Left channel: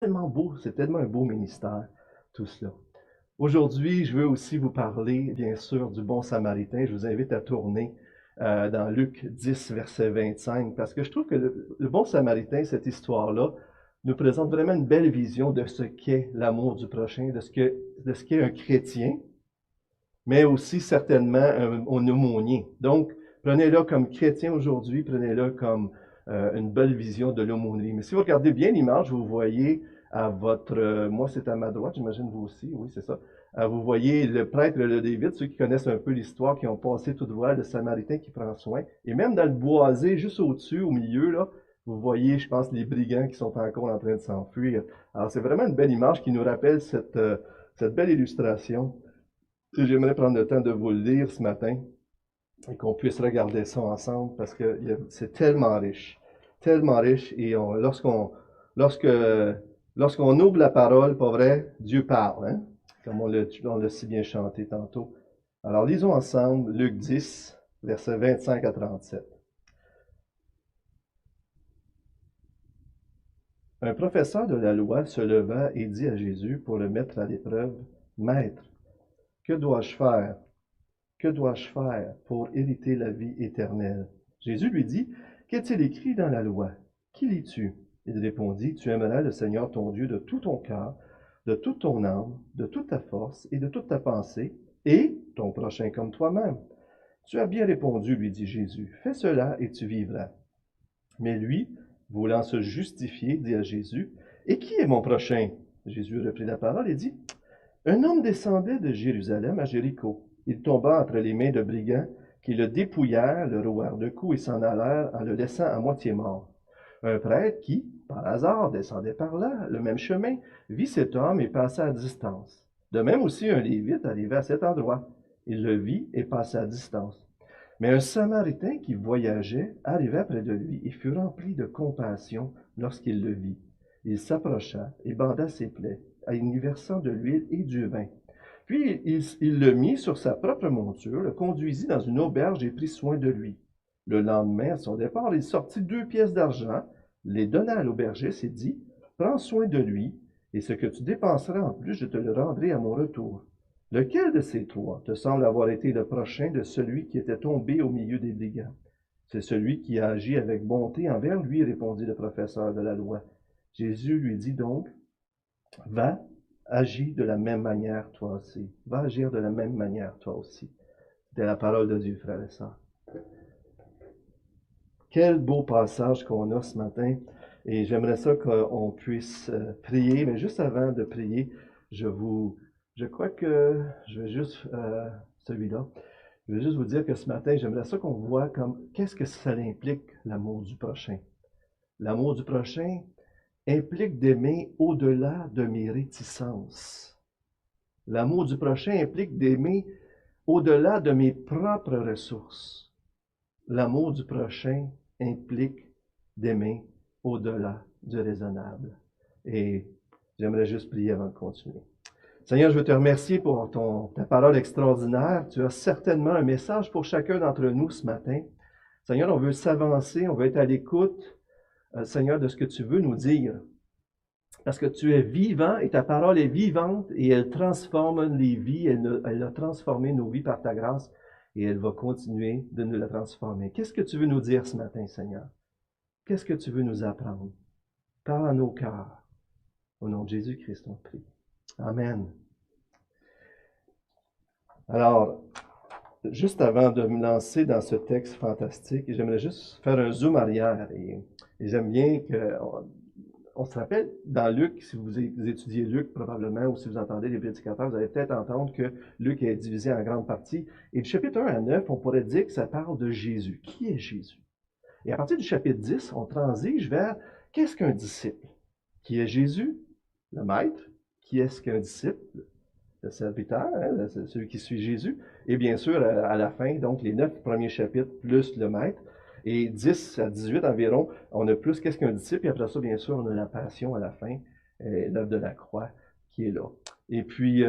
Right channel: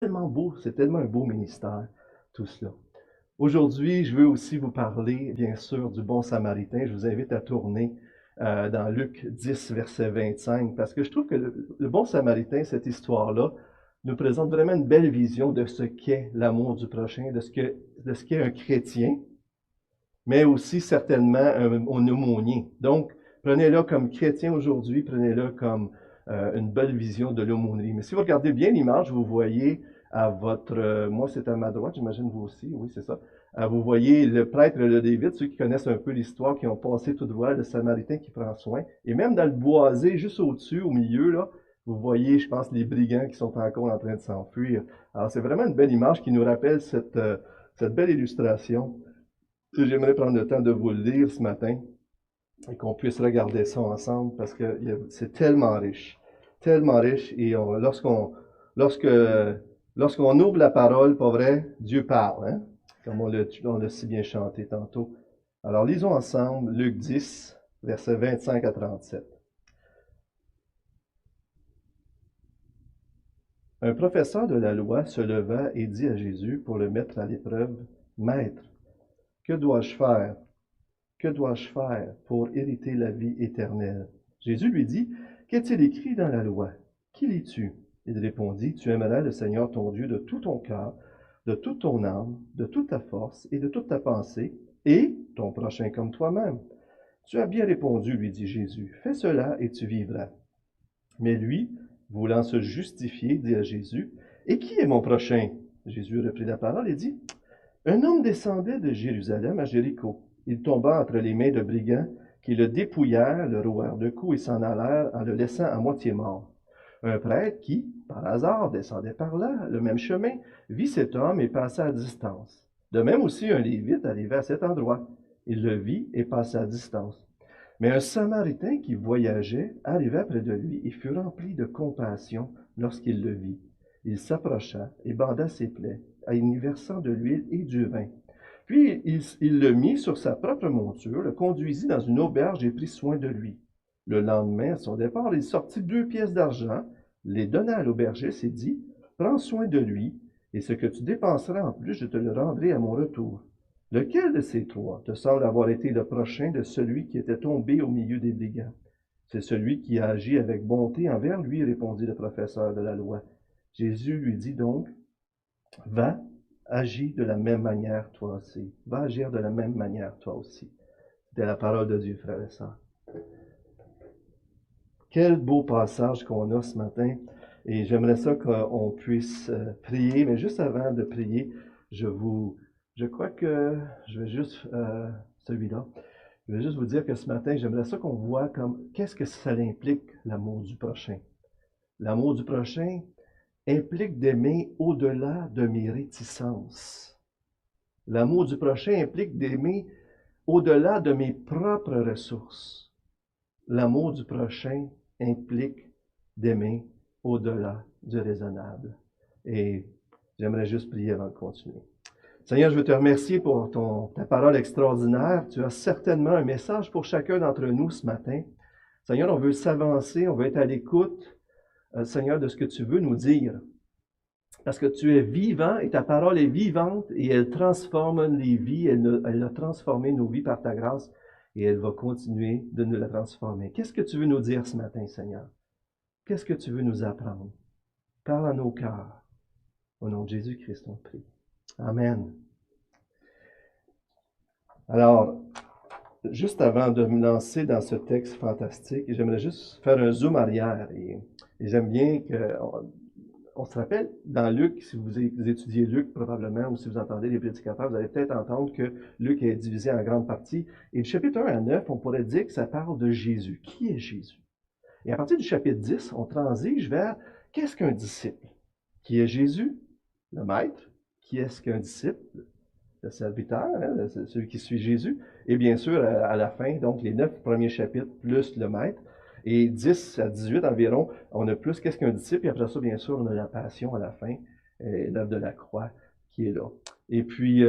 tellement beau, c'est tellement un beau ministère, tout cela. Aujourd'hui, je veux aussi vous parler, bien sûr, du bon samaritain. Je vous invite à tourner dans Luc 10, verset 25, parce que je trouve que le bon samaritain, cette histoire-là, nous présente vraiment une belle vision de ce qu'est l'amour du prochain, de ce qu'est un chrétien, mais aussi certainement un aumônier. Donc, prenez-le comme chrétien aujourd'hui, prenez-le comme une belle vision de l'aumônerie. Mais si vous regardez bien l'image, vous voyez à votre... moi, c'est à ma droite, j'imagine vous aussi, oui, c'est ça. Vous voyez le prêtre le David, ceux qui connaissent un peu l'histoire, qui ont passé tout droit, le Samaritain qui prend soin. Et même dans le boisé, juste au-dessus, au milieu, là, vous voyez, je pense, les brigands qui sont encore en train de s'enfuir. Alors, c'est vraiment une belle image qui nous rappelle cette belle illustration. Et j'aimerais prendre le temps de vous le lire ce matin et qu'on puisse regarder ça ensemble parce que c'est tellement riche. Et lorsque, lorsqu'on ouvre la parole, pas vrai, Dieu parle, hein? Comme on l'a si bien chanté tantôt. Alors lisons ensemble Luc 10, versets 25 à 37. Un professeur de la loi se leva et dit à Jésus pour le mettre à l'épreuve, Maître, que dois-je faire? Que dois-je faire pour hériter la vie éternelle? Jésus lui dit, qu'est-il écrit dans la loi? Qui lis-tu? Il répondit, tu aimeras le Seigneur ton Dieu de tout ton cœur, de toute ton âme, de toute ta force et de toute ta pensée, et ton prochain comme toi-même. Tu as bien répondu, lui dit Jésus, fais cela et tu vivras. Mais lui, voulant se justifier, dit à Jésus, et qui est mon prochain? Jésus reprit la parole et dit, un homme descendait de Jérusalem à Jéricho. Il tomba entre les mains de brigands qui le dépouillèrent, le rouèrent de coups et s'en allèrent en le laissant à moitié mort. Un prêtre qui, par hasard, descendait par là, le même chemin, vit cet homme et passa à distance. De même aussi un Lévite arrivait à cet endroit. Il le vit et passa à distance. Mais un Samaritain qui voyageait arriva près de lui et fut rempli de compassion lorsqu'il le vit. Il s'approcha et banda ses plaies, en y versant de l'huile et du vin. Puis il le mit sur sa propre monture, le conduisit dans une auberge et prit soin de lui. Le lendemain, à son départ, il sortit 2 pièces d'argent, les donna à l'aubergiste et dit, prends soin de lui, et ce que tu dépenseras en plus, je te le rendrai à mon retour. Lequel de ces trois te semble avoir été le prochain de celui qui était tombé au milieu des brigands? C'est celui qui a agi avec bonté envers lui, répondit le professeur de la loi. Jésus lui dit donc, va, agis de la même manière toi aussi. Va agir de la même manière toi aussi. C'était la parole de Dieu, frères et sœurs. Quel beau passage qu'on a ce matin. Et j'aimerais ça qu'on puisse prier. Mais juste avant de prier, je crois que je vais juste, celui-là, je vais juste vous dire que ce matin, j'aimerais ça qu'on voit comme, qu'est-ce que ça implique, l'amour du prochain. L'amour du prochain implique d'aimer au-delà de mes réticences. L'amour du prochain implique d'aimer au-delà de mes propres ressources. L'amour du prochain implique d'aimer au-delà du raisonnable. Et j'aimerais juste prier avant de continuer. Seigneur, je veux te remercier pour ta parole extraordinaire. Tu as certainement un message pour chacun d'entre nous ce matin. Seigneur, on veut s'avancer, on veut être à l'écoute, Seigneur, de ce que tu veux nous dire. Parce que tu es vivant et ta parole est vivante et elle transforme les vies, elle a transformé nos vies par ta grâce et elle va continuer de nous la transformer. Qu'est-ce que tu veux nous dire ce matin, Seigneur? Qu'est-ce que tu veux nous apprendre? Parle à nos cœurs. Au nom de Jésus-Christ, on prie. Amen. Alors, juste avant de me lancer dans ce texte fantastique, j'aimerais juste faire un zoom arrière. Et j'aime bien qu'on se rappelle, dans Luc, si vous étudiez Luc probablement, ou si vous entendez les prédicateurs, vous allez peut-être entendre que Luc est divisé en grande partie. Et du chapitre 1 à 9, on pourrait dire que ça parle de Jésus. Qui est Jésus? Et à partir du chapitre 10, on transige vers qu'est-ce qu'un disciple? Qui est Jésus? Le maître. Qui est-ce qu'un disciple? Le serviteur, hein, celui qui suit Jésus. Et bien sûr, à la fin, donc les 9 premiers chapitres plus le maître. Et 10 à 18 environ, on a plus qu'est-ce qu'un disciple. Et après ça, bien sûr, on a la passion à la fin, l'œuvre de la croix qui est là. Et puis,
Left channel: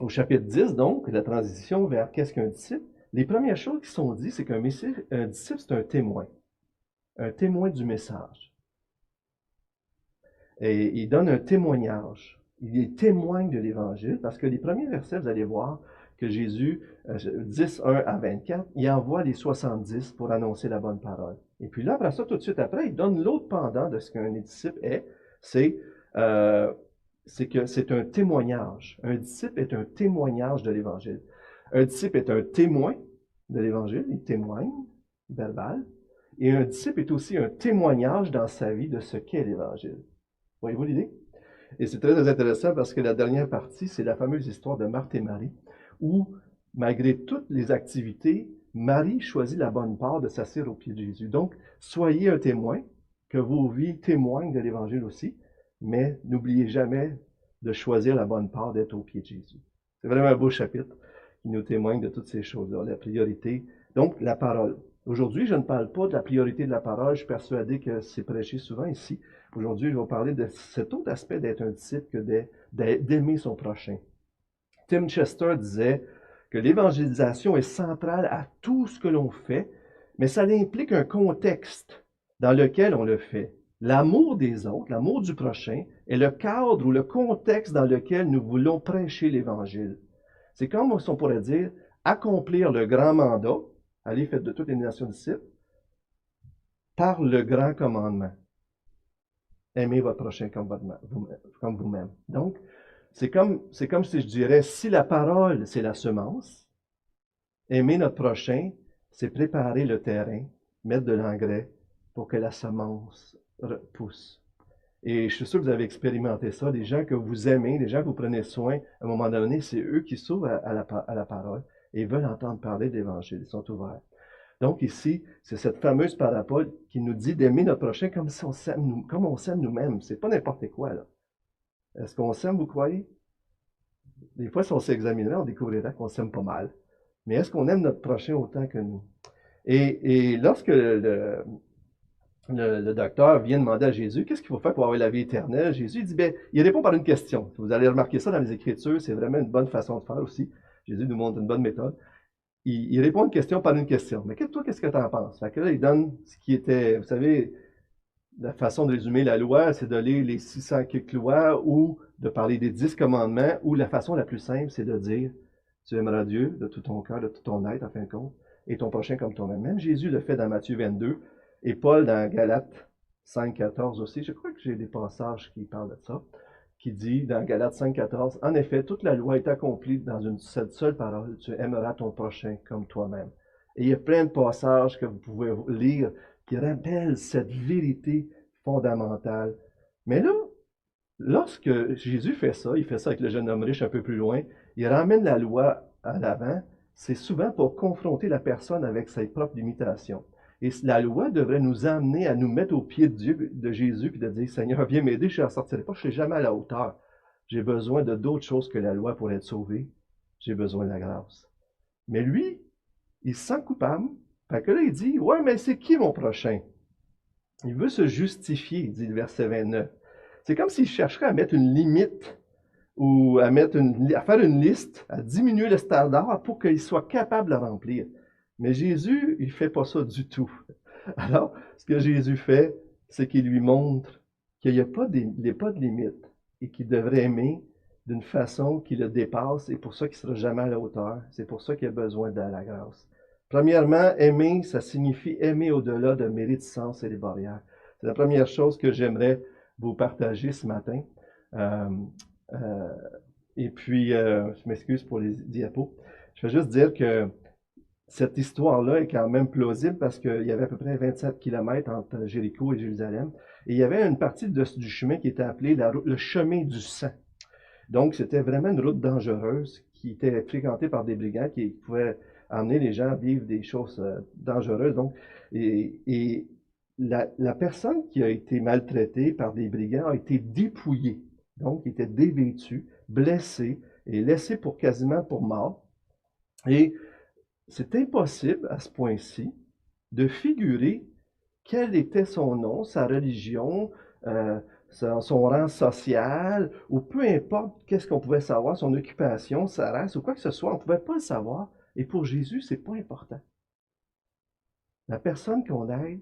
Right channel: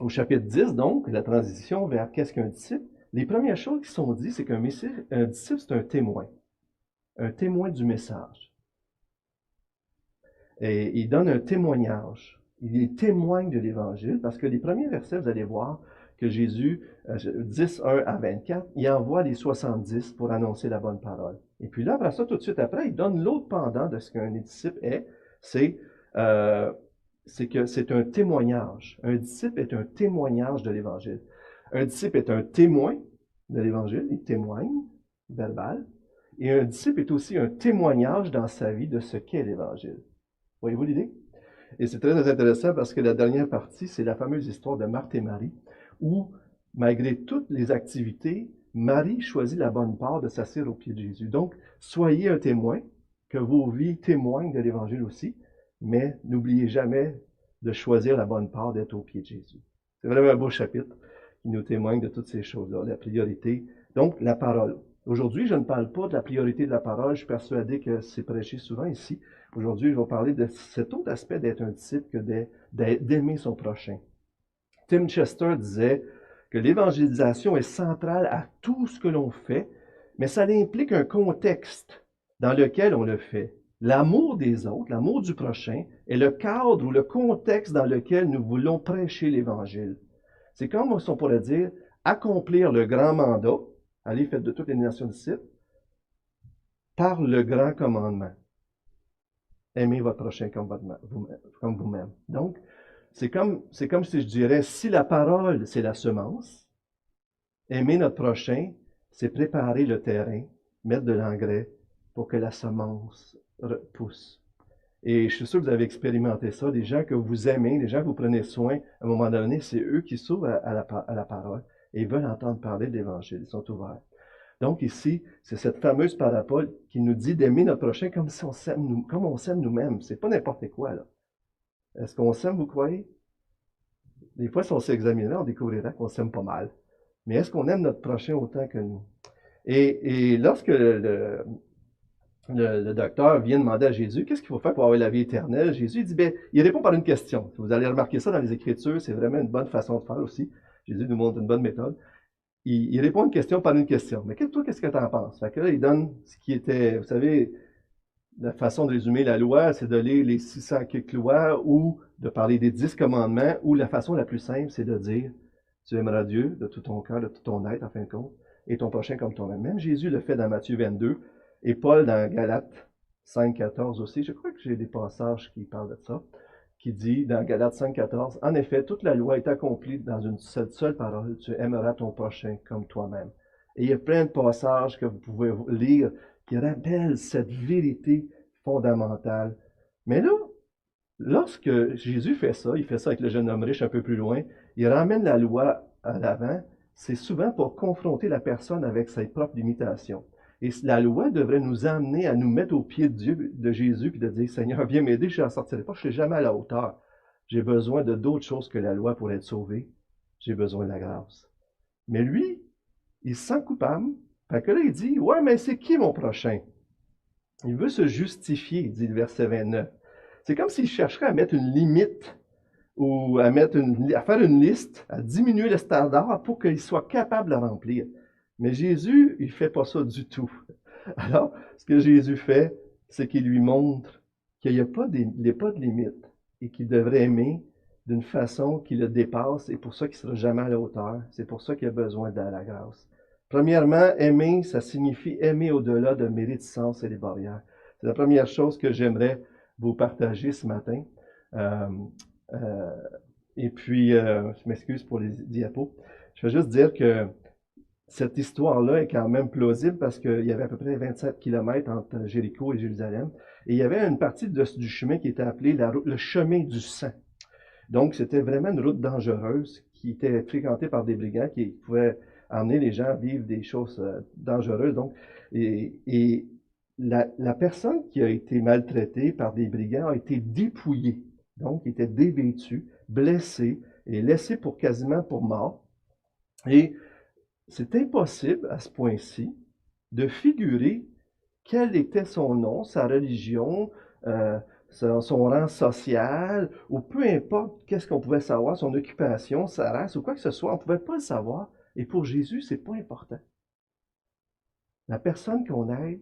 au chapitre 10, donc, la transition vers qu'est-ce qu'un disciple, les premières choses qui sont dites, c'est qu'un disciple, c'est un témoin du message. Et il donne un témoignage. Il témoigne de l'Évangile parce que les premiers versets, vous allez voir que Jésus, 10, 1 à 24, il envoie les 70 pour annoncer la bonne parole. Et puis là, après ça, tout de suite après, il donne l'autre pendant de ce qu'un disciple est, c'est que c'est un témoignage. Un disciple est un témoignage de l'Évangile. Un disciple est un témoin de l'Évangile, il témoigne, verbal, et un disciple est aussi un témoignage dans sa vie de ce qu'est l'Évangile. Voyez-vous l'idée? Et c'est très intéressant parce que la dernière partie, c'est la fameuse histoire de Marthe et Marie, où, malgré toutes les activités, Marie choisit la bonne part de s'asseoir au pied de Jésus. Donc, soyez un témoin, que vos vies témoignent de l'Évangile aussi, mais n'oubliez jamais de choisir la bonne part d'être au pied de Jésus. C'est vraiment un beau chapitre qui nous témoigne de toutes ces choses-là, la priorité. Donc, la parole. Aujourd'hui, je ne parle pas de la priorité de la parole, je suis persuadé que c'est prêché souvent ici. Aujourd'hui, je vais parler de cet autre aspect d'être un disciple que d'aimer son prochain. Tim Chester disait que l'évangélisation est centrale à tout ce que l'on fait, mais ça implique un contexte dans lequel on le fait. L'amour des autres, l'amour du prochain, est le cadre ou le contexte dans lequel nous voulons prêcher l'Évangile. C'est comme si on pourrait dire accomplir le grand mandat, allez, faites de toutes les nations disciples, par le grand commandement. Aimez votre prochain comme vous-même. Donc, c'est comme si je dirais, si la parole, c'est la semence, aimer notre prochain, c'est préparer le terrain, mettre de l'engrais pour que la semence pousse. Et je suis sûr que vous avez expérimenté ça. Les gens que vous aimez, les gens que vous prenez soin, à un moment donné, c'est eux qui s'ouvrent à la parole et ils veulent entendre parler de l'Évangile. Ils sont ouverts. Donc ici, c'est cette fameuse parabole qui nous dit d'aimer notre prochain comme si on s'aime comme on s'aime nous-mêmes. C'est pas n'importe quoi, là. Est-ce qu'on s'aime, vous croyez? Des fois, si on s'examinerait, on découvrirait qu'on s'aime pas mal. Mais est-ce qu'on aime notre prochain autant que nous? Et lorsque le docteur vient demander à Jésus, qu'est-ce qu'il faut faire pour avoir la vie éternelle? Jésus dit, il répond par une question. Vous allez remarquer ça dans les Écritures, c'est vraiment une bonne façon de faire aussi. Jésus nous montre une bonne méthode. Il répond une question par une question. Mais toi, qu'est-ce que tu en penses? Fait que là, il donne ce qui était, vous savez, la façon de résumer la loi, c'est de lire les 600 quelques lois ou de parler des 10 commandements, ou la façon la plus simple, c'est de dire, tu aimeras Dieu de tout ton cœur, de tout ton être, en fin de compte, et ton prochain comme toi-même. Même Jésus le fait dans Matthieu 22, et Paul dans Galates 5, 14 aussi. Je crois que j'ai des passages qui parlent de ça, qui dit dans Galates 5, 14, en effet, toute la loi est accomplie dans cette seule parole, tu aimeras ton prochain comme toi-même. Et il y a plein de passages que vous pouvez lire qui rappellent cette vérité fondamentale. Mais là, lorsque Jésus fait ça, il fait ça avec le jeune homme riche un peu plus loin, il ramène la loi à l'avant, c'est souvent pour confronter la personne avec ses propres limitations. Et la loi devrait nous amener à nous mettre au pied de Dieu, de Jésus, puis de dire, Seigneur, viens m'aider, je n'en sortirai pas, je ne serai jamais à la hauteur. J'ai besoin de d'autres choses que la loi pour être sauvé. J'ai besoin de la grâce. Mais lui, il se sent coupable. Fait que là, il dit, ouais, mais c'est qui mon prochain? Il veut se justifier, dit le verset 29. C'est comme s'il chercherait à mettre une limite ou à faire une liste, à diminuer le standard pour qu'il soit capable de la remplir. Mais Jésus, il ne fait pas ça du tout. Alors, ce que Jésus fait, c'est qu'il lui montre qu'il n'y a pas de limite et qu'il devrait aimer d'une façon qui le dépasse et pour ça qu'il ne sera jamais à la hauteur. C'est pour ça qu'il a besoin de la grâce. Premièrement, aimer, ça signifie aimer au-delà de mes réticences et des barrières. C'est la première chose que j'aimerais vous partager ce matin. Et puis, je m'excuse pour les diapos. Je vais juste dire que cette histoire-là est quand même plausible parce qu'il y avait à peu près 27 km entre Jéricho et Jérusalem. Et il y avait une partie du chemin qui était appelée le chemin du sang. Donc, c'était vraiment une route dangereuse qui était fréquentée par des brigands qui pouvaient amener les gens à vivre des choses dangereuses. Donc, et la personne qui a été maltraitée par des brigands a été dépouillée. Donc, il était dévêtu, blessé et laissé quasiment pour mort. Et c'est impossible à ce point-ci de figurer quel était son nom, sa religion, son rang social, ou peu importe qu'est-ce qu'on pouvait savoir, son occupation, sa race, ou quoi que ce soit, on ne pouvait pas le savoir. Et pour Jésus, ce n'est pas important. La personne qu'on aide,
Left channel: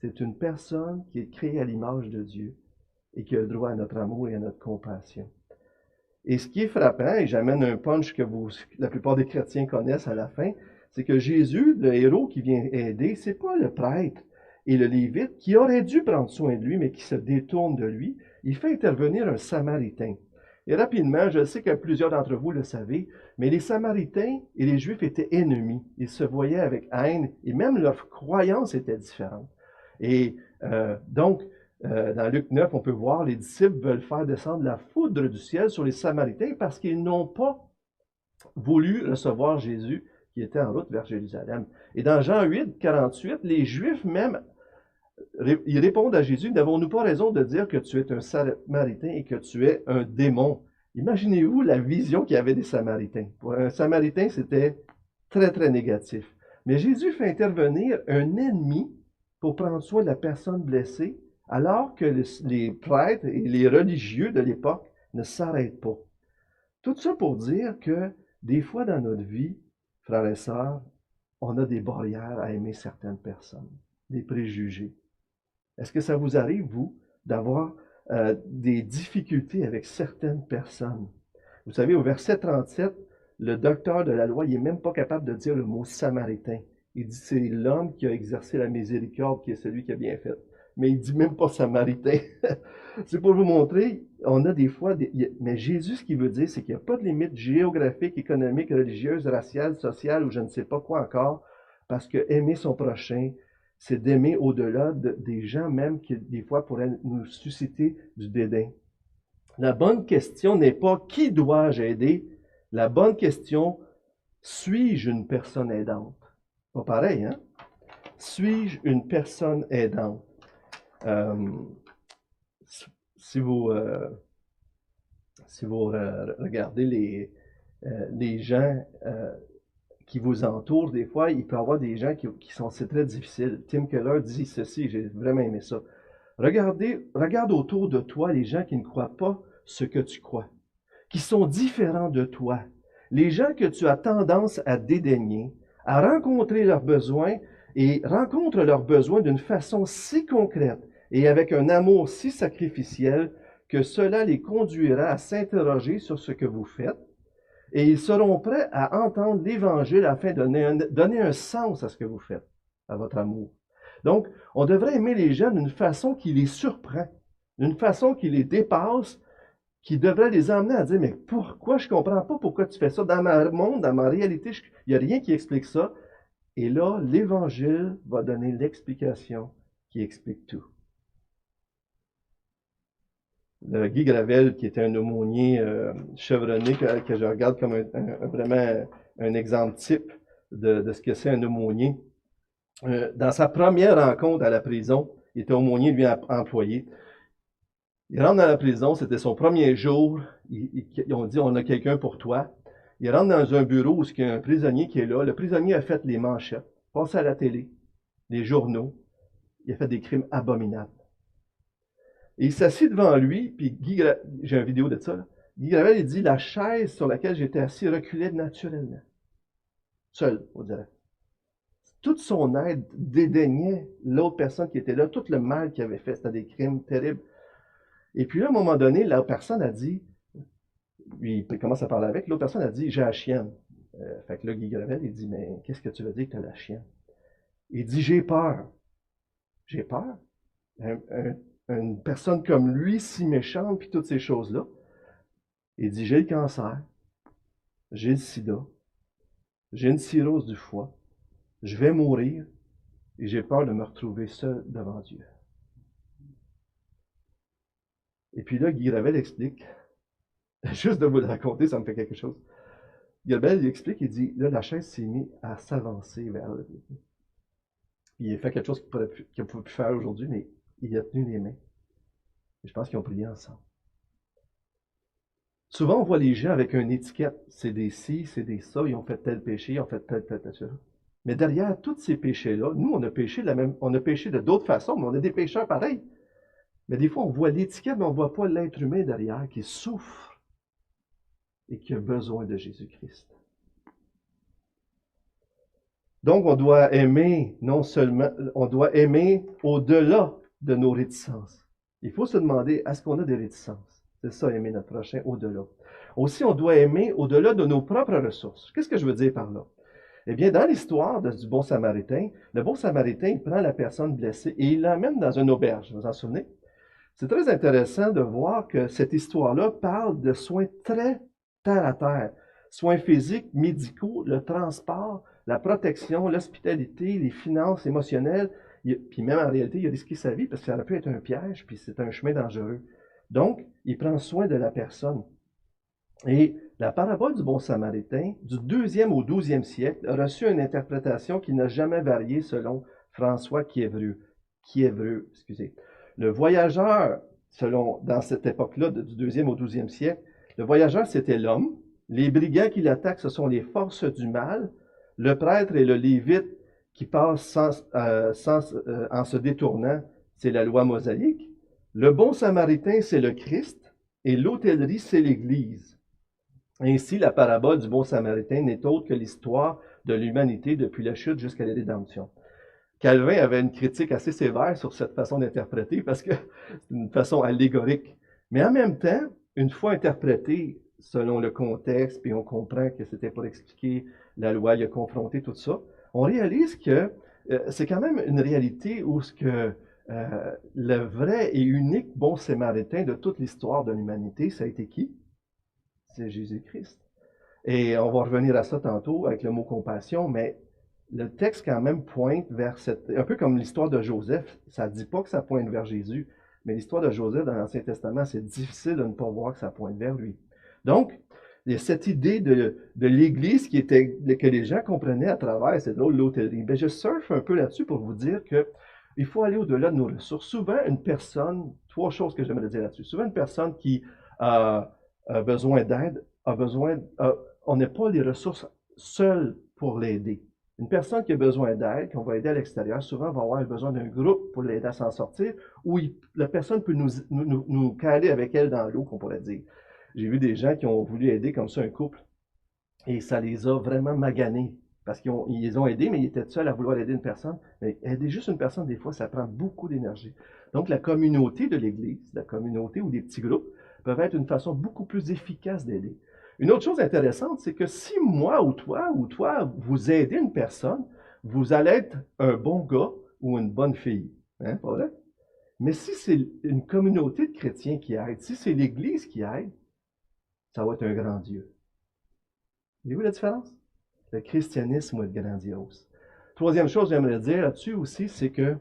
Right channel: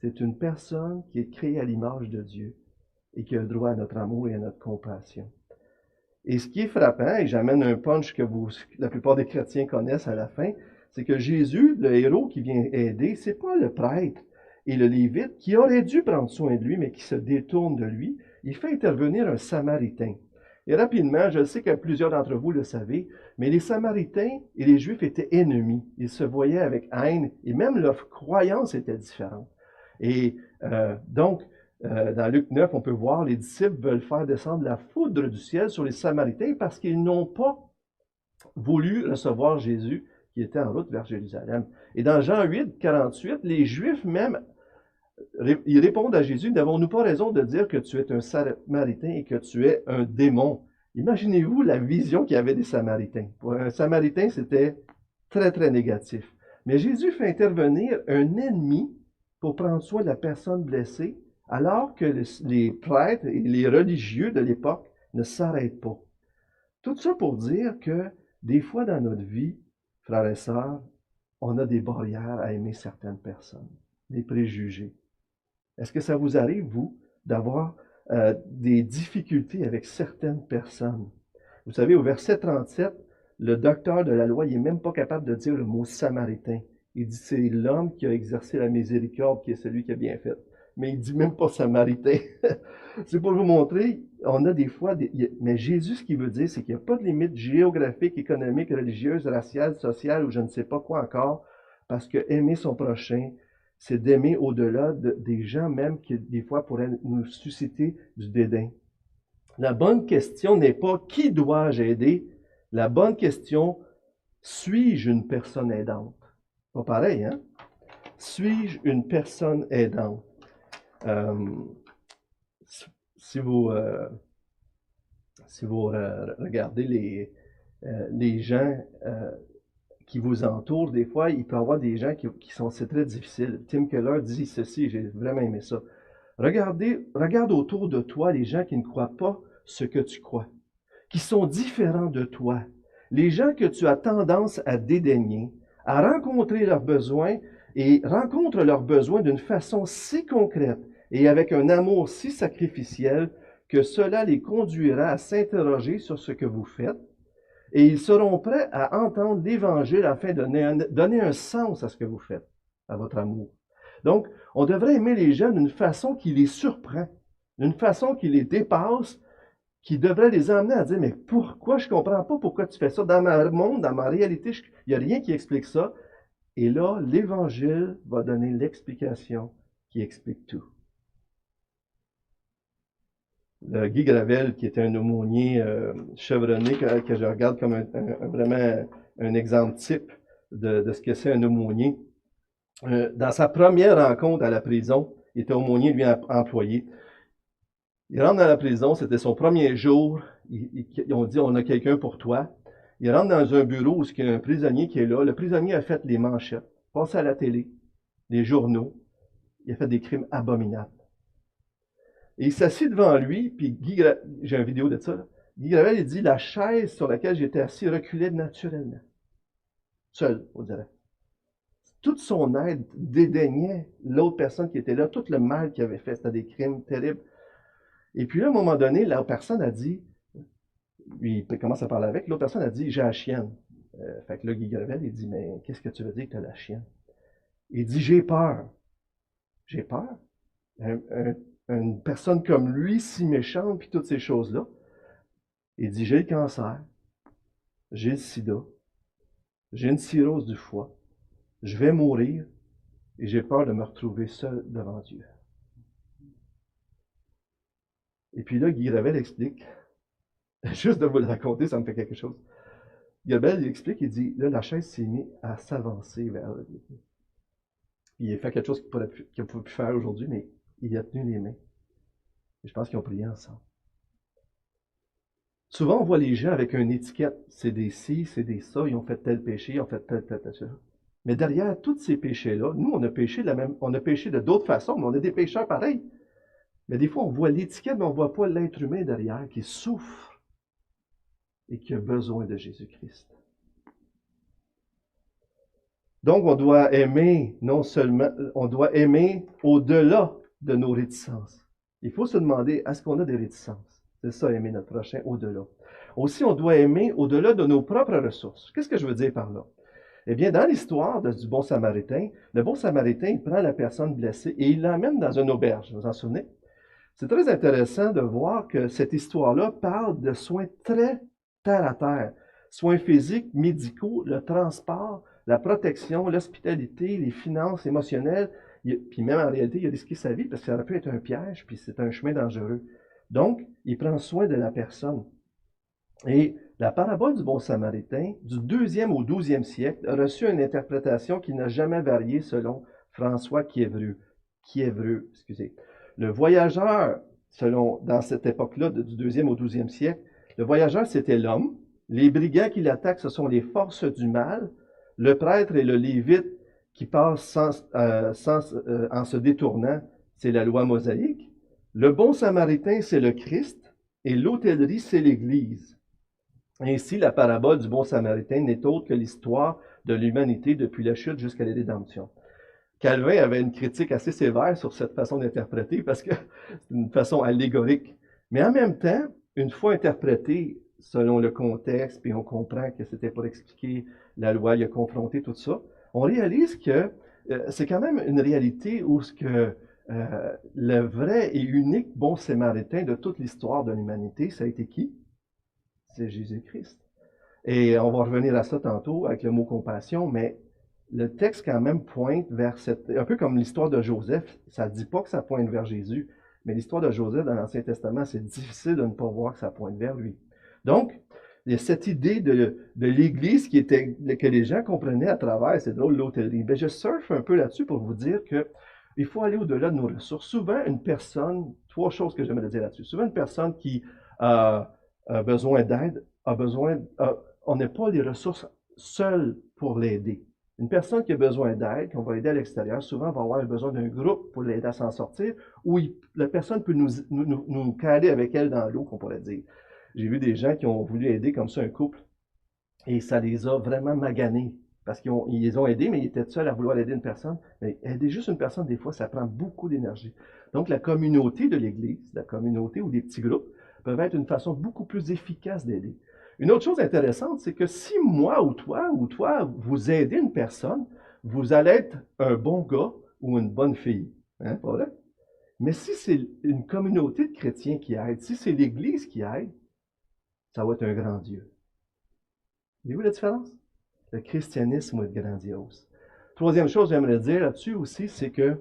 c'est une personne qui est créée à l'image de Dieu. et qui a droit à notre amour et à notre compassion. Et ce qui est frappant, et j'amène un punch que la plupart des chrétiens connaissent à la fin, c'est que Jésus, le héros qui vient aider, c'est pas le prêtre et le lévite qui aurait dû prendre soin de lui, mais qui se détourne de lui. Il fait intervenir un Samaritain. Et rapidement, je sais que plusieurs d'entre vous le savez, mais les Samaritains et les Juifs étaient ennemis. Ils se voyaient avec haine et même leurs croyances étaient différentes. Et donc, dans Luc 9, on peut voir les disciples veulent faire descendre la foudre du ciel sur les Samaritains parce qu'ils n'ont pas voulu recevoir Jésus qui était en route vers Jérusalem. Et dans Jean 8, 48, les Juifs même, ils répondent à Jésus, n'avons-nous pas raison de dire que tu es un Samaritain et que tu es un démon? Imaginez-vous la vision qu'il y avait des Samaritains. Pour un Samaritain, c'était très, très négatif. Mais Jésus fait intervenir un ennemi pour prendre soin de la personne blessée, alors que les prêtres et les religieux de l'époque ne s'arrêtent pas. Tout ça pour dire que des fois dans notre vie, frères et sœurs, on a des barrières à aimer certaines personnes, des préjugés. Est-ce que ça vous arrive, vous, d'avoir des difficultés avec certaines personnes? Vous savez, au verset 37, le docteur de la loi, il n'est même pas capable de dire le mot samaritain. Il dit c'est l'homme qui a exercé la miséricorde qui est celui qui a bien fait. Mais il ne dit même pas samaritain. C'est pour vous montrer, on a des fois, mais Jésus, ce qu'il veut dire, c'est qu'il n'y a pas de limite géographique, économique, religieuse, raciale, sociale, ou je ne sais pas quoi encore, parce que aimer son prochain, c'est d'aimer au-delà des gens même qui, des fois, pourraient nous susciter du dédain. La bonne question n'est pas « qui dois-je aider ?» La bonne question, suis-je une personne aidante? Pas pareil, hein? Suis-je une personne aidante? Si vous regardez les gens qui vous entourent, des fois, il peut y avoir des gens c'est très difficile. Tim Keller dit ceci, j'ai vraiment aimé ça. Regarde autour de toi les gens qui ne croient pas ce que tu crois, qui sont différents de toi, les gens que tu as tendance à dédaigner, à rencontrer leurs besoins et rencontrent leurs besoins d'une façon si concrète et avec un amour si sacrificiel que cela les conduira à s'interroger sur ce que vous faites et ils seront prêts à entendre l'Évangile afin de donner un sens à ce que vous faites, à votre amour. Donc, on devrait aimer les gens d'une façon qui les surprend, d'une façon qui les dépasse, qui devrait les amener à dire « Mais pourquoi? Je ne comprends pas pourquoi tu fais ça. Dans mon monde, dans ma réalité, il n'y a rien qui explique ça. » Et là, l'Évangile va donner l'explication qui explique tout. Le Guy Gravel, qui était un aumônier chevronné, que je regarde comme vraiment un exemple type de ce que c'est un aumônier. Dans sa première rencontre à la prison, il était aumônier, lui, employé. Il rentre dans la prison, c'était son premier jour. Ils ont dit, on a quelqu'un pour toi. Il rentre dans un bureau où il y a un prisonnier qui est là. Le prisonnier a fait les manchettes, passé à la télé, les journaux. Il a fait des crimes abominables. Et il s'assit devant lui, puis j'ai une vidéo de ça, là. Guy Gravel, il dit, la chaise sur laquelle j'étais assis reculait naturellement. Seul, on dirait. Toute son aide dédaignait l'autre personne qui était là, tout le mal qu'il avait fait, c'était des crimes terribles. Et puis là, à un moment donné, la personne a dit, il commence à parler avec, l'autre personne a dit, j'ai la chienne. Fait que là, Guy Gravel, il dit, mais qu'est-ce que tu veux dire que tu as la chienne? Il dit, j'ai peur. J'ai peur? Une personne comme lui, si méchante, puis toutes ces choses-là. Il dit, j'ai le cancer, j'ai le sida, j'ai une cirrhose du foie, je vais mourir et j'ai peur de me retrouver seul devant Dieu. Et puis là, Guy Gravel explique, juste de vous le raconter, ça me fait quelque chose. Guy Gravel, il explique, il dit, là, la chaise s'est mise à s'avancer vers le Dieu. Il a fait quelque chose qu'il ne pouvait plus faire aujourd'hui, mais il a tenu les mains. Et je pense qu'ils ont prié ensemble. Souvent, on voit les gens avec une étiquette. C'est des ci, c'est des ça, ils ont fait tel péché, ils ont fait tel. Mais derrière tous ces péchés-là, nous, on a péché de d'autres façons, mais on est des pécheurs pareils. Mais des fois, on voit l'étiquette, mais on ne voit pas l'être humain derrière qui souffre et qui a besoin de Jésus-Christ. Donc, on doit aimer non seulement, on doit aimer au-delà de nos réticences. Il faut se demander, est-ce qu'on a des réticences? C'est ça, aimer notre prochain au-delà. Aussi, on doit aimer au-delà de nos propres ressources. Qu'est-ce que je veux dire par là? Eh bien, dans l'histoire du bon Samaritain, le bon Samaritain, il prend la personne blessée et il l'emmène dans une auberge. Vous vous en souvenez? C'est très intéressant de voir que cette histoire-là parle de soins très terre à terre. Soins physiques, médicaux, le transport, la protection, l'hospitalité, les finances émotionnelles. Puis même en réalité, il a risqué sa vie parce que ça aurait pu être un piège, puis c'est un chemin dangereux. Donc, il prend soin de la personne. Et la parabole du bon Samaritain, du 2e au 12e siècle, a reçu une interprétation qui n'a jamais varié selon François Kiévreux. Le voyageur, dans cette époque-là, du 2e au 12e siècle, le voyageur, c'était l'homme. Les brigands qui l'attaquent, ce sont les forces du mal. Le prêtre et le lévite qui passent en se détournant, c'est la loi mosaïque. Le bon Samaritain, c'est le Christ. Et l'hôtellerie, c'est l'Église. Ainsi, la parabole du bon Samaritain n'est autre que l'histoire de l'humanité depuis la chute jusqu'à la rédemption. Calvin avait une critique assez sévère sur cette façon d'interpréter parce que c'est une façon allégorique. Mais en même temps, une fois interprétée selon le contexte, puis on comprend que c'était pour expliquer la loi, il a confronté tout ça, on réalise que c'est quand même une réalité où le vrai et unique bon Samaritain de toute l'histoire de l'humanité, ça a été qui? C'est Jésus-Christ. Et on va revenir à ça tantôt avec le mot compassion, mais le texte quand même pointe vers un peu comme l'histoire de Joseph, ça ne dit pas que ça pointe vers Jésus, mais l'histoire de Joseph dans l'Ancien Testament, c'est difficile de ne pas voir que ça pointe vers lui. Donc, il y a cette idée de l'Église que les gens comprenaient à travers, c'est drôle, l'hôtellerie. Bien, je surfe un peu là-dessus pour vous dire qu'il faut aller au-delà de nos ressources. Souvent, une personne, 3 choses que j'aimerais dire là-dessus. Souvent, une personne qui a besoin d'aide, on n'a pas les ressources seules pour l'aider. Une personne qui a besoin d'aide, qu'on va aider à l'extérieur, souvent va avoir besoin d'un groupe pour l'aider à s'en sortir, où la personne peut nous caler avec elle dans l'eau, qu'on pourrait dire. J'ai vu des gens qui ont voulu aider comme ça un couple, et ça les a vraiment maganés, parce qu'ils les ont aidés, mais ils étaient seuls à vouloir aider une personne. Mais aider juste une personne, des fois, ça prend beaucoup d'énergie. Donc, la communauté de l'Église, la communauté ou des petits groupes, peuvent être une façon beaucoup plus efficace d'aider. Une autre chose intéressante, c'est que si moi ou toi, vous aidez une personne, vous allez être un bon gars ou une bonne fille. Hein, pas vrai? Mais si c'est une communauté de chrétiens qui aide, si c'est l'Église qui aide, ça va être un grand Dieu. Voyez-vous la différence? Le christianisme va être grandiose. Troisième chose que j'aimerais dire là-dessus aussi, c'est que,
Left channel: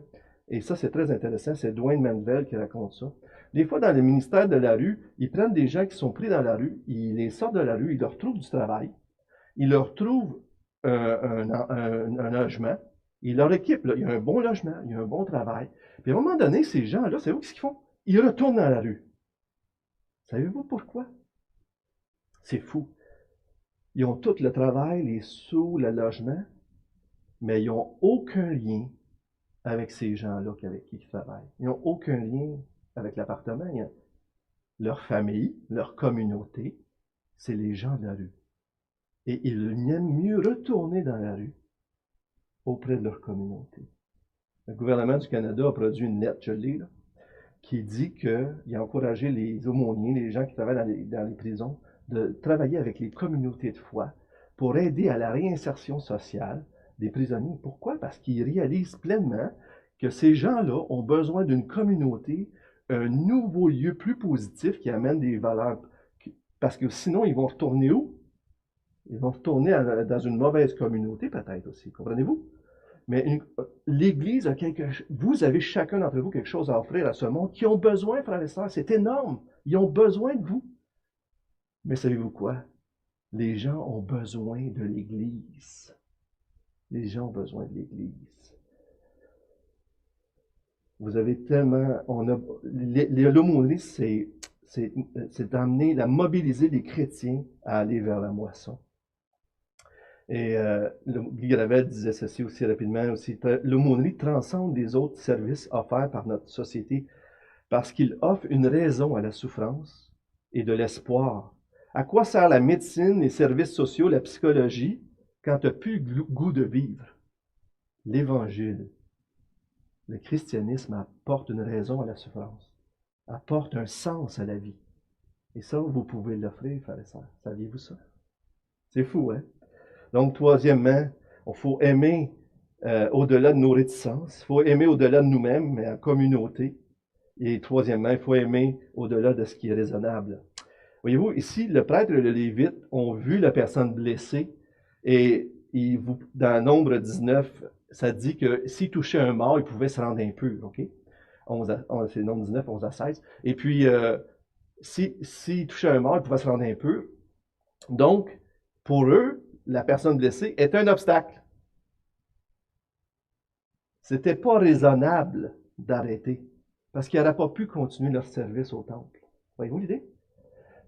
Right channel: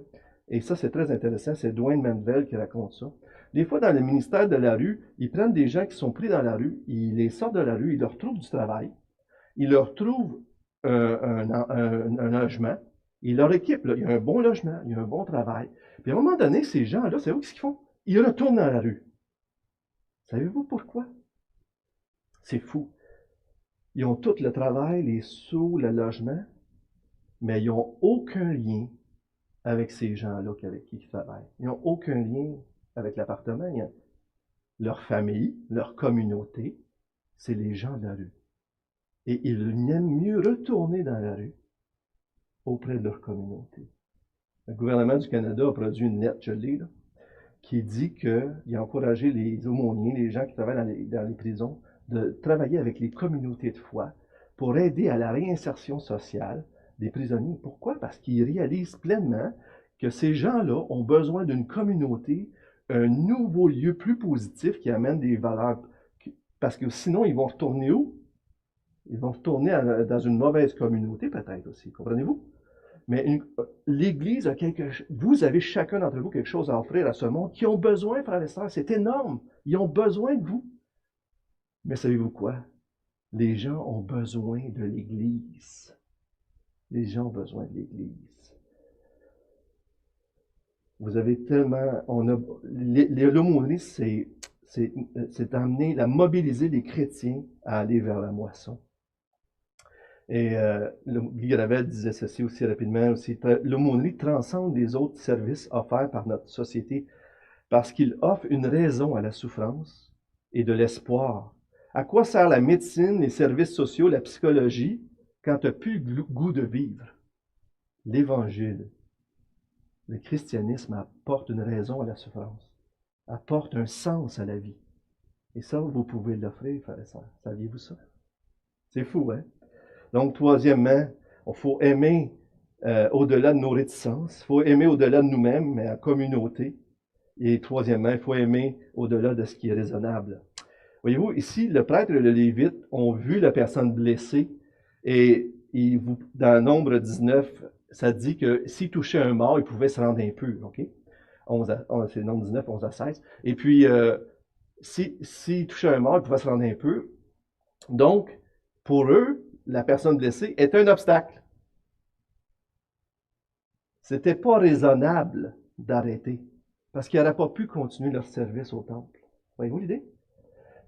et ça c'est très intéressant, c'est Dwayne Manvel qui raconte ça. Des fois, dans le ministère de la rue, ils prennent des gens qui sont pris dans la rue, ils les sortent de la rue, ils leur trouvent du travail, ils leur trouvent un logement, ils leur équipent, là, il y a un bon logement, il y a un bon travail. Puis à un moment donné, ces gens-là, savez-vous ce qu'ils font? Ils retournent dans la rue. Savez-vous pourquoi? C'est fou. Ils ont tout le travail, les sous, le logement, mais ils n'ont aucun lien avec ces gens-là avec qui ils travaillent. Ils n'ont aucun lien avec l'appartement. Leur famille, leur communauté, c'est les gens de la rue. Et ils aiment mieux retourner dans la rue auprès de leur communauté. Le gouvernement du Canada a produit une lettre, je l'ai, là, qui dit qu'il a encouragé les aumôniers, les gens qui travaillent dans les prisons, de travailler avec les communautés de foi pour aider à la réinsertion sociale des prisonniers. Pourquoi? Parce qu'ils réalisent pleinement que ces gens-là ont besoin d'une communauté, un nouveau lieu plus positif qui amène des valeurs. Parce que sinon, ils vont retourner où? Ils vont retourner dans une mauvaise communauté peut-être aussi. Comprenez-vous? Mais l'Église a vous avez chacun d'entre vous quelque chose à offrir à ce monde qui ont besoin, frères et sœurs. C'est énorme. Ils ont besoin de vous. Mais savez-vous quoi? Les gens ont besoin de l'Église. Les gens ont besoin de l'Église. Vous avez tellement... L'aumônerie, c'est d'amener, de mobiliser les chrétiens à aller vers la moisson. Et Guy Gravel disait ceci aussi rapidement aussi. L'aumônerie transcende les autres services offerts par notre société parce qu'il offre une raison à la souffrance et de l'espoir. À quoi sert la médecine, les services sociaux, la psychologie, quand tu n'as plus le goût de vivre? L'Évangile, le christianisme apporte une raison à la souffrance. apporte un sens à la vie. Et ça, vous pouvez l'offrir, frères et sœurs. Saviez-vous ça? C'est fou, hein? Donc, troisièmement, il faut aimer au-delà de nos réticences. Il faut aimer au-delà de nous-mêmes, mais en communauté. Et troisièmement, il faut aimer au-delà de ce qui est raisonnable. Voyez-vous, ici, le prêtre et le lévite ont vu la personne blessée et dans Nombre 19, ça dit que s'il touchait un mort, il pouvait se rendre impur. OK? C'est Nombre 19, 11 à 16. Et puis, s'il touchait un mort, il pouvait se rendre impur. Donc, pour eux, la personne blessée est un obstacle. C'était pas raisonnable d'arrêter parce qu'ils n'auraient pas pu continuer leur service au temple. Voyez-vous l'idée?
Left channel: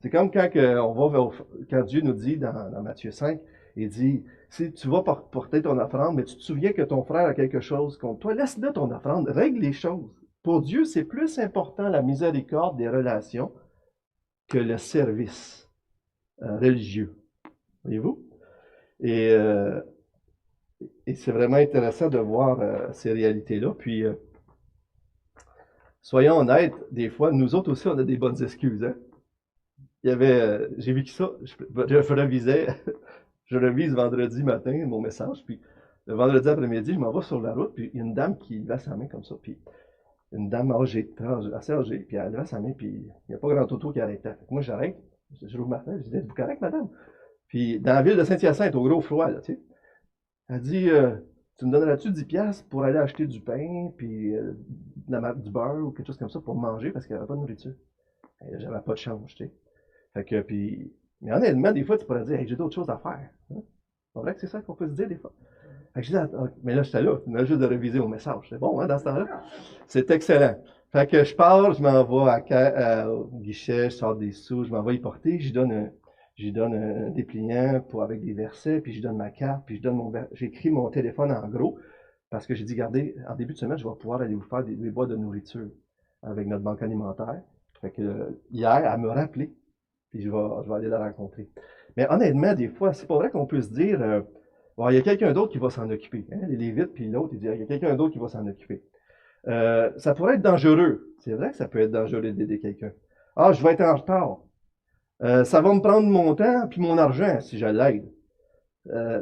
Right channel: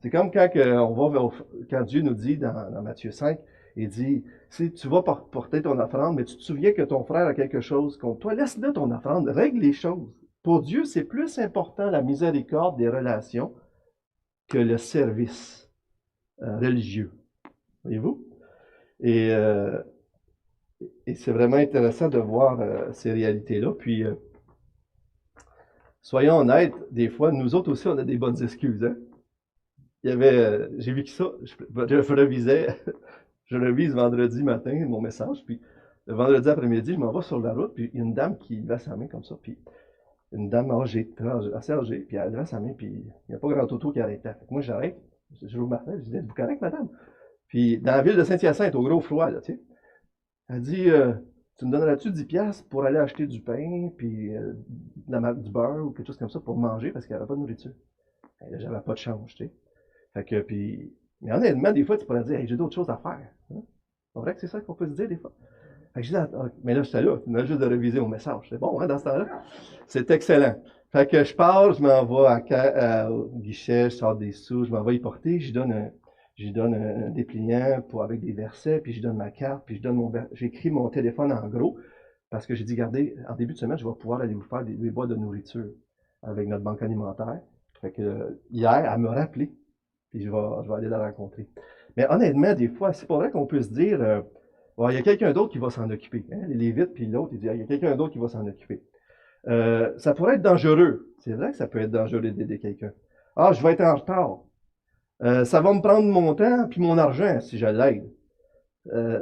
C'est comme quand Dieu nous dit dans Matthieu 5, il dit, si tu vas porter ton offrande, mais tu te souviens que ton frère a quelque chose contre toi, laisse-le ton offrande, règle les choses. Pour Dieu, c'est plus important la miséricorde des relations que le service religieux. Voyez-vous? Et c'est vraiment intéressant de voir ces réalités-là. Puis, soyons honnêtes, des fois, nous autres aussi, on a des bonnes excuses. Hein? J'ai vécu ça, je revise vendredi matin mon message, puis le vendredi après-midi, je m'en vais sur la route, puis il y a une dame qui levait sa main comme ça, puis une dame assez âgée, puis elle levait sa main, puis il n'y a pas grand auto qui arrêtait. Fait que moi, j'arrête, je rouvre ma fenêtre, je dis, êtes-vous correct, madame? Puis dans la ville de Saint-Hyacinthe, au gros froid, là, tu sais, elle dit, tu me donneras-tu 10$ pour aller acheter du pain, puis du beurre ou quelque chose comme ça pour manger, parce qu'il n'y avait pas de nourriture. Et là, j'avais pas de change, tu sais. Fait que, puis, mais honnêtement, des fois, tu pourrais dire, hey, j'ai d'autres choses à faire. Hein? C'est vrai que c'est ça qu'on peut se dire des fois. Fait que je dis, mais là, j'étais là, tu m'as juste de réviser mon message. C'est bon, hein, dans ce temps-là? C'est excellent. Fait que je pars, je m'en vais au guichet, je sors des sous, je m'en vais y porter, je donne un dépliant avec des versets, puis je donne ma carte, puis j'écris mon téléphone en gros, parce que j'ai dit, regardez, en début de semaine, je vais pouvoir aller vous faire des boîtes de nourriture avec notre banque alimentaire. Fait que hier, elle me rappelé. Puis je vais aller la rencontrer. Mais honnêtement, des fois, c'est pas vrai qu'on peut se dire, bon, il y a quelqu'un d'autre qui va s'en occuper. Hein? Les Lévites, puis l'autre, il dit, il y a quelqu'un d'autre qui va s'en occuper. Ça pourrait être dangereux. C'est vrai que ça peut être dangereux d'aider quelqu'un. Ah, je vais être en retard. Ça va me prendre mon temps puis mon argent si je l'aide.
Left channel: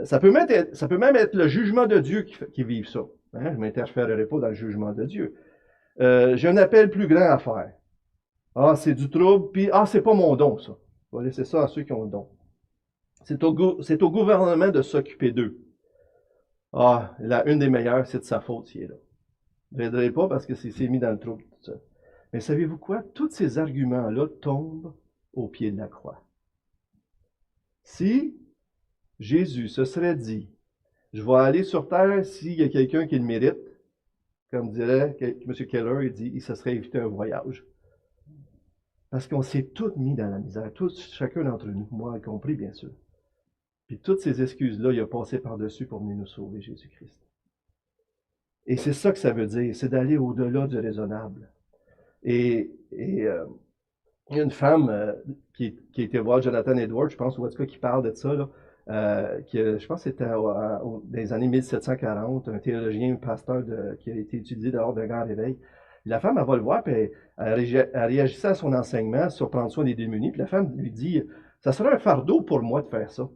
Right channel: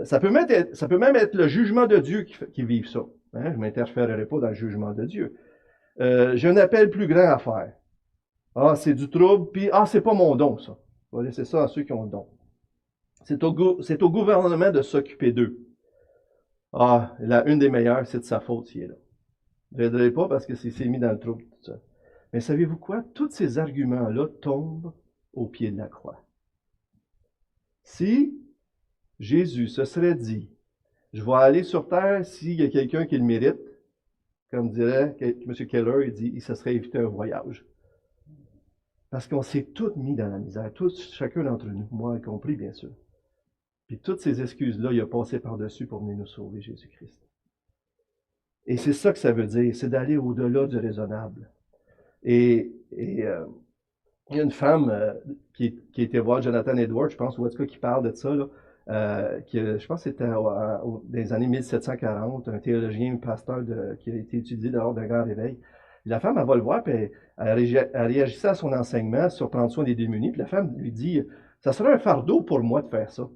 Ça peut même être le jugement de Dieu qui vive ça. Hein? Je ne m'interférerai pas dans le jugement de Dieu. J'ai un appel plus grand à faire. Ah, c'est du trouble, puis c'est pas mon don, ça. On va laisser ça à ceux qui ont le don. C'est au gouvernement de s'occuper d'eux. Une des meilleures, c'est de sa faute s'il est là. Je ne l'aiderai pas parce que c'est mis dans le trouble tout ça. Mais savez-vous quoi? Tous ces arguments-là tombent au pied de la croix. Si Jésus se serait dit, je vais aller sur terre s'il y a quelqu'un qui le mérite, comme dirait M. Keller, il dit, il se serait évité un voyage. Parce qu'on s'est tous mis dans la misère, chacun d'entre nous, moi y compris, bien sûr. Puis toutes ces excuses-là, il a passé par-dessus pour venir nous sauver, Jésus-Christ. Et c'est ça que ça veut dire, c'est d'aller au-delà du raisonnable. Et il y a une femme qui était voir Jonathan Edwards, je pense, ou en tout cas qui parle de ça, là, je pense que c'était dans les années 1740, un théologien, un pasteur qui a été étudié lors d'un grand réveil. Et la femme, elle va le voir, puis elle réagissait à son enseignement sur prendre soin des démunis. Puis la femme lui dit, ça serait un fardeau pour moi de faire ça.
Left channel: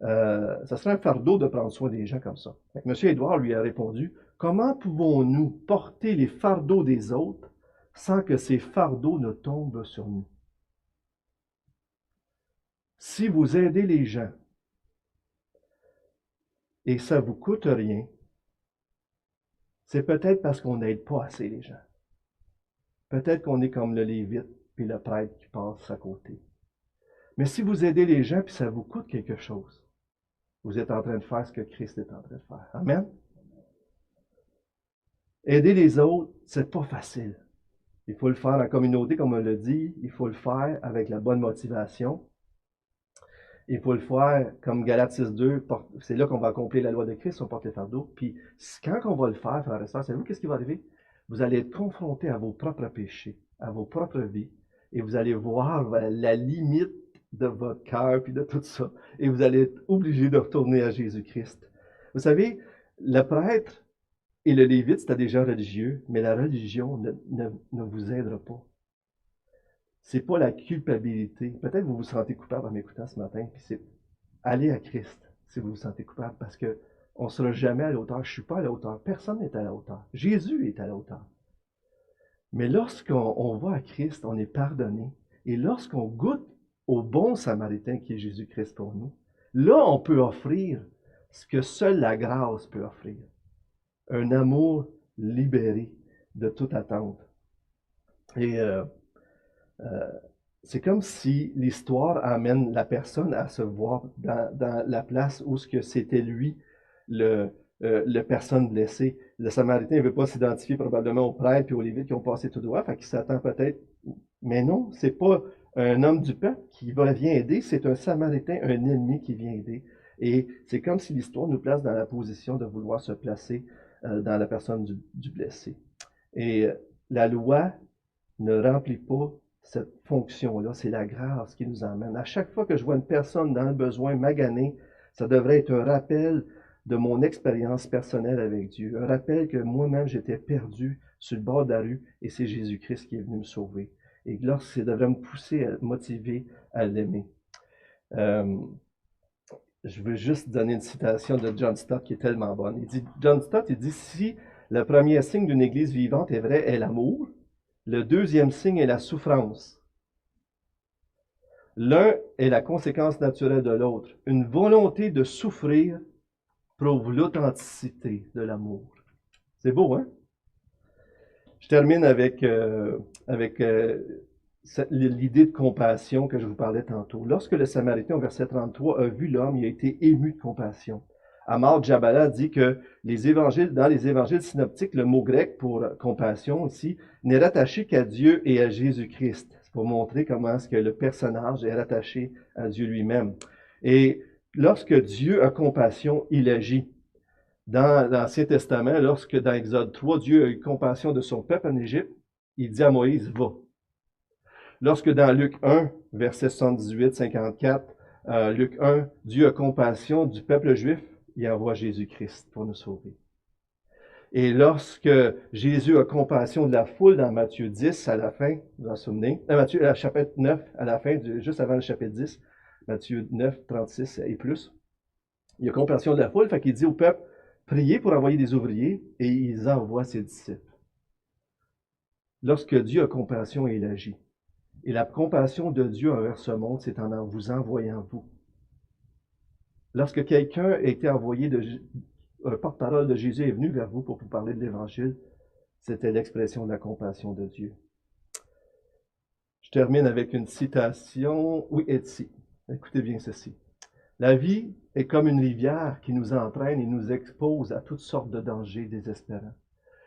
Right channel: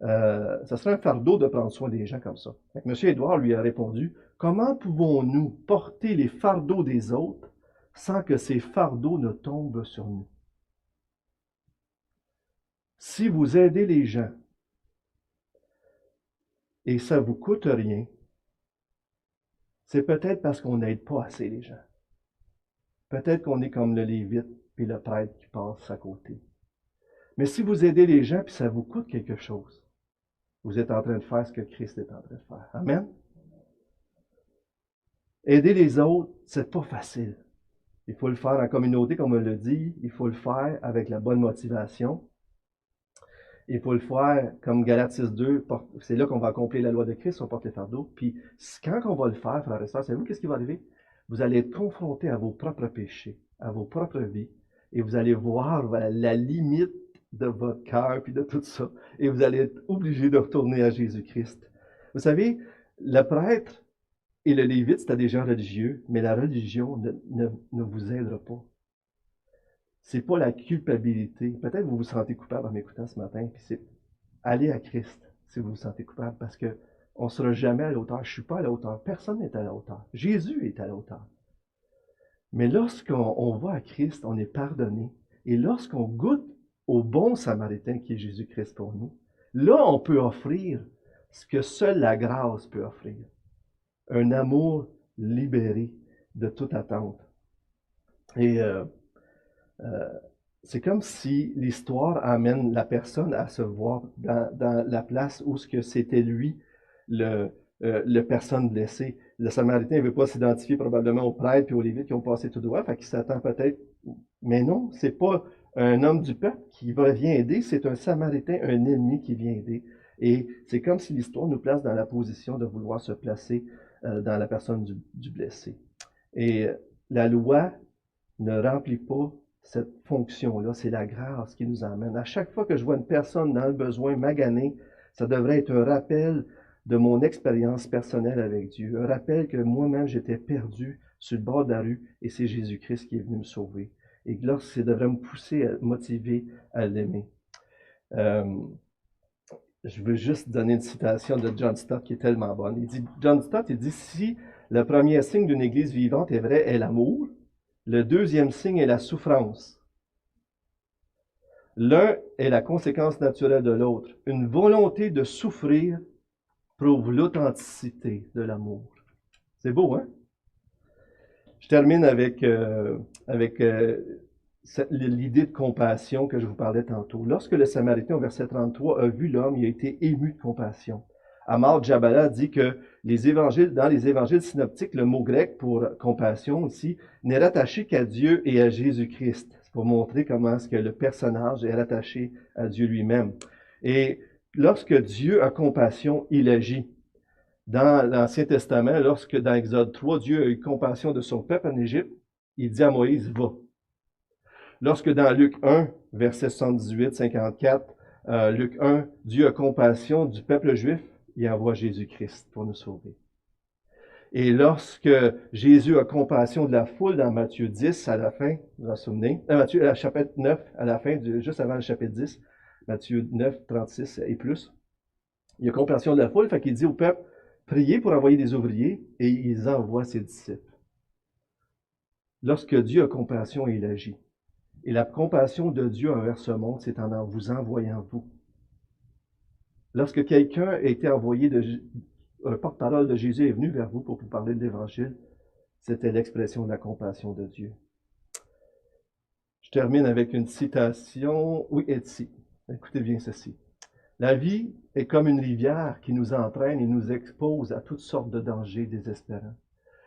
Ça serait un fardeau de prendre soin des gens comme ça. Donc, M. Edouard lui a répondu, comment pouvons-nous porter les fardeaux des autres sans que ces fardeaux ne tombent sur nous? Si vous aidez les gens et ça ne vous coûte rien, c'est peut-être parce qu'on n'aide pas assez les gens. Peut-être qu'on est comme le Lévite puis le prêtre qui passe à côté. Mais si vous aidez les gens puis ça vous coûte quelque chose, vous êtes en train de faire ce que Christ est en train de faire. Amen? Aider les autres, c'est pas facile. Il faut le faire en communauté, comme on le dit. Il faut le faire avec la bonne motivation. Il faut le faire comme Galates 6.2. C'est là qu'on va accomplir la loi de Christ, on porte les fardeaux. Puis quand on va le faire, frères et sœurs, savez-vous qu'est-ce qui va arriver? Vous allez être confrontés à vos propres péchés, à vos propres vies, et vous allez voir la limite de votre cœur puis de tout ça. Et vous allez être obligé de retourner à Jésus-Christ. Vous savez, le prêtre et le lévite, c'était des gens religieux, mais la religion ne vous aidera pas. c'est pas la culpabilité. Peut-être que vous vous sentez coupable en m'écoutant ce matin, puis c'est aller à Christ si vous vous sentez coupable, parce qu'on ne sera jamais à la hauteur. Je ne suis pas à la hauteur. Personne n'est à la hauteur. Jésus est à la hauteur. Mais lorsqu'on va à Christ, on est pardonné. Et lorsqu'on goûte au bon Samaritain qui est Jésus-Christ pour nous, là, on peut offrir ce que seule la grâce peut offrir. Un amour libéré de toute attente. Et c'est comme si l'histoire amène la personne à se voir dans la place où c'était lui le personne blessée. Le Samaritain ne veut pas s'identifier probablement aux prêtres et aux Lévites qui ont passé tout droit, fait qu'il s'attend peut-être. Mais non, c'est pas un homme du peuple qui vient aider, c'est un Samaritain, un ennemi qui vient aider. Et c'est comme si l'histoire nous place dans la position de vouloir se placer dans la personne du blessé. Et la loi ne remplit pas cette fonction-là, c'est la grâce qui nous emmène. À chaque fois que je vois une personne dans le besoin maganée, ça devrait être un rappel de mon expérience personnelle avec Dieu, un rappel que moi-même j'étais perdu sur le bord de la rue et c'est Jésus-Christ qui est venu me sauver. Et là, ça devrait me pousser, à motiver à l'aimer. Je veux juste donner une citation de John Stott qui est tellement bonne. John Stott, il dit, si le premier signe d'une Église vivante est vrai, est l'amour, le deuxième signe est la souffrance. L'un est la conséquence naturelle de l'autre. Une volonté de souffrir prouve l'authenticité de l'amour. C'est beau, hein? Je termine avec l'idée de compassion que je vous parlais tantôt. Lorsque le Samaritain, au verset 33, a vu l'homme, il a été ému de compassion. Amar Djabala dit que dans les évangiles synoptiques, le mot grec pour compassion ici n'est rattaché qu'à Dieu et à Jésus-Christ. C'est pour montrer comment est-ce que le personnage est rattaché à Dieu lui-même. Et lorsque Dieu a compassion, il agit. Dans l'Ancien Testament, dans Exode 3, Dieu a eu compassion de son peuple en Égypte, il dit à Moïse, va. Lorsque dans Luc 1, verset 78-54, Luc 1, Dieu a compassion du peuple juif, il envoie Jésus-Christ pour nous sauver. Et lorsque Jésus a compassion de la foule dans Matthieu 10 à la fin, vous vous en souvenez, Matthieu chapitre 9 à la fin, juste avant le chapitre 10, Matthieu 9, 36 et plus, il a compassion de la foule, fait qu'il dit au peuple, priez pour envoyer des ouvriers, et il envoie ses disciples. Lorsque Dieu a compassion, il agit. Et la compassion de Dieu envers ce monde, c'est en vous envoyant vous. Lorsque quelqu'un a été envoyé, un porte-parole de Jésus est venu vers vous pour vous parler de l'Évangile, c'était l'expression de la compassion de Dieu. Je termine avec une citation. Oui, Etsy. Écoutez bien ceci. La vie est comme une rivière qui nous entraîne et nous expose à toutes sortes de dangers désespérants.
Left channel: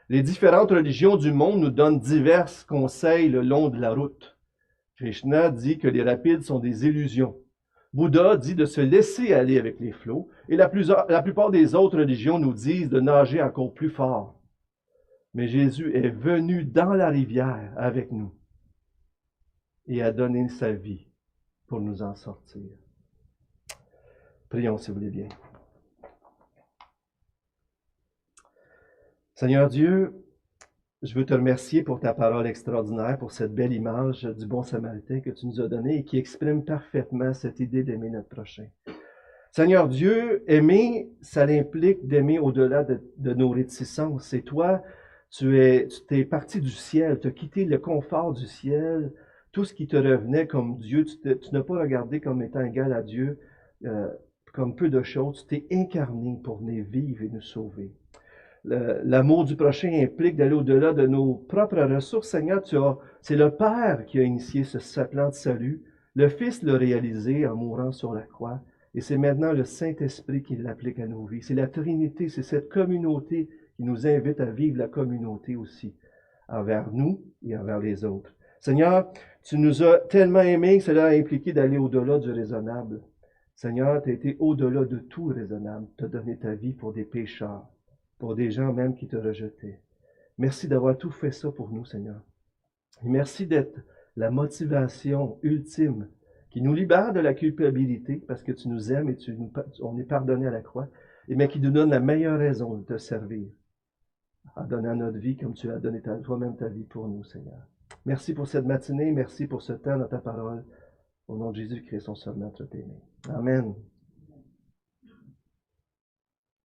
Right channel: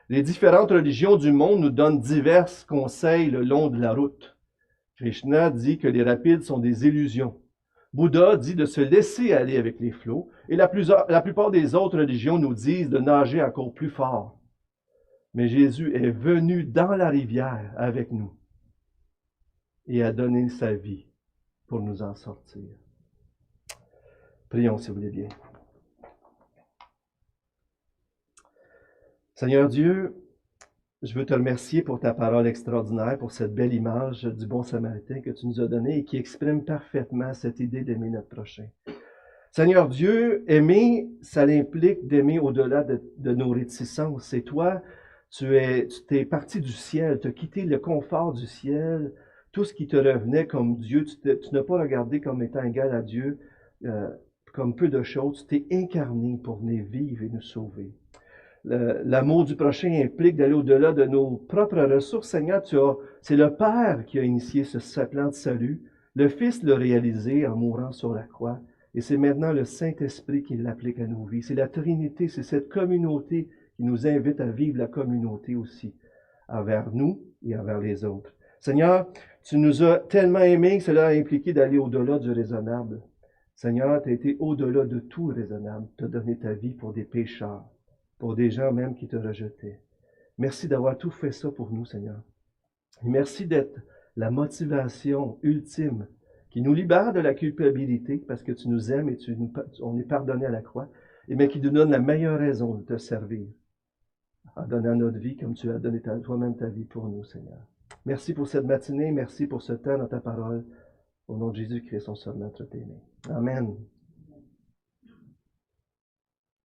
Les différentes religions du monde nous donnent divers conseils le long de la route. Krishna dit que les rapides sont des illusions. Bouddha dit de se laisser aller avec les flots, et la plupart des autres religions nous disent de nager encore plus fort. Mais Jésus est venu dans la rivière avec nous et a donné sa vie pour nous en sortir. Prions si vous voulez bien. Seigneur Dieu, je veux te remercier pour ta parole extraordinaire, pour cette belle image du bon Samaritain que tu nous as donnée et qui exprime parfaitement cette idée d'aimer notre prochain. Seigneur Dieu, aimer, ça l'implique d'aimer au-delà de nos réticences. Et toi, tu t'es parti du ciel, tu as quitté le confort du ciel, tout ce qui te revenait comme Dieu, tu n'as pas regardé comme étant égal à Dieu, comme peu de choses, tu t'es incarné pour venir vivre et nous sauver. L'amour du prochain implique d'aller au-delà de nos propres ressources. Seigneur, c'est le Père qui a initié ce plan de salut. Le Fils l'a réalisé en mourant sur la croix. Et c'est maintenant le Saint-Esprit qui l'applique à nos vies. C'est la Trinité, c'est cette communauté qui nous invite à vivre la communauté aussi, envers nous et envers les autres. Seigneur, tu nous as tellement aimés que cela a impliqué d'aller au-delà du raisonnable. Seigneur, tu as été au-delà de tout raisonnable. Tu as donné ta vie pour des pécheurs, pour des gens même qui te rejetaient. Merci d'avoir tout fait ça pour nous, Seigneur. Et merci d'être la motivation ultime qui nous libère de la culpabilité parce que tu nous aimes et on est pardonné à la croix, mais qui nous donne la meilleure raison de te servir en donnant notre vie comme tu as donné toi-même ta vie pour nous, Seigneur. Merci pour cette matinée. Merci pour ce temps dans ta parole. Au nom de Jésus-Christ, son seul maître aimé. Amen.